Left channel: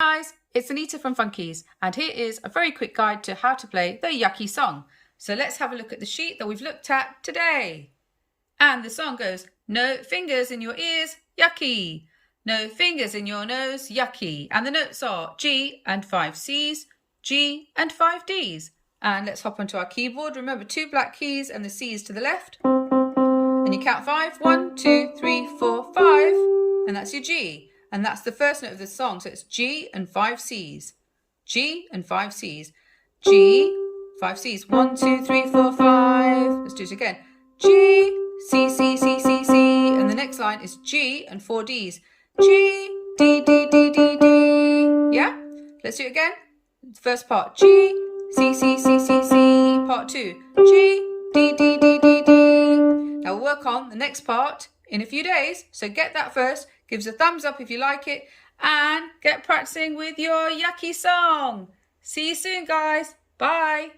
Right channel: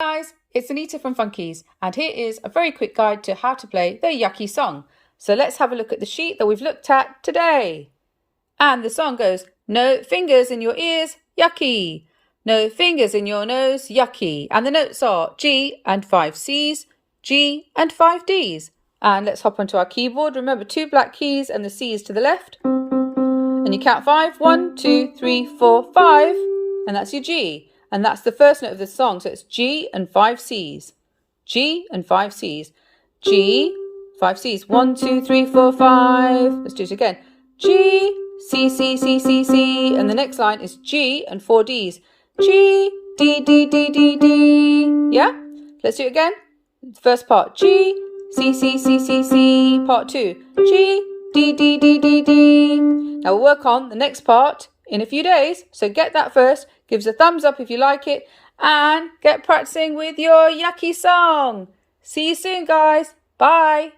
Guys, it's Anita from Fun-Keys, and here is a very quick guide to how to play the Yucky song. So let's have a look at the sheet that we've looked at today. And the song goes, no fingers in your ears, yucky. No fingers in your nose, yucky. And the notes are G and 5 C's, G and 5 D's. And let's hop onto our keyboard. Remember, 2 black keys and the C is to the left. And you count 5. 1, 2, 3, 4, 5. And that's your G. And that's the first note of the song. So it's G and 5 C's. G and 5 C's. G, 5 C's. 1, 2, 3, 4, 5. Let's do it again. G, C, C, C, C, C. And the next line is G and 4 D's. G, D, D, D, D, D. Yeah? Let's do it again. First part. G, C, C, C, C, C. Part 2. G, D, D, D, D, D. Now we'll work on the next part in a few days. So get that first. Give us a thumbs up if you like it. And get practicing with your Yucky song. See you soon, guys. Bye.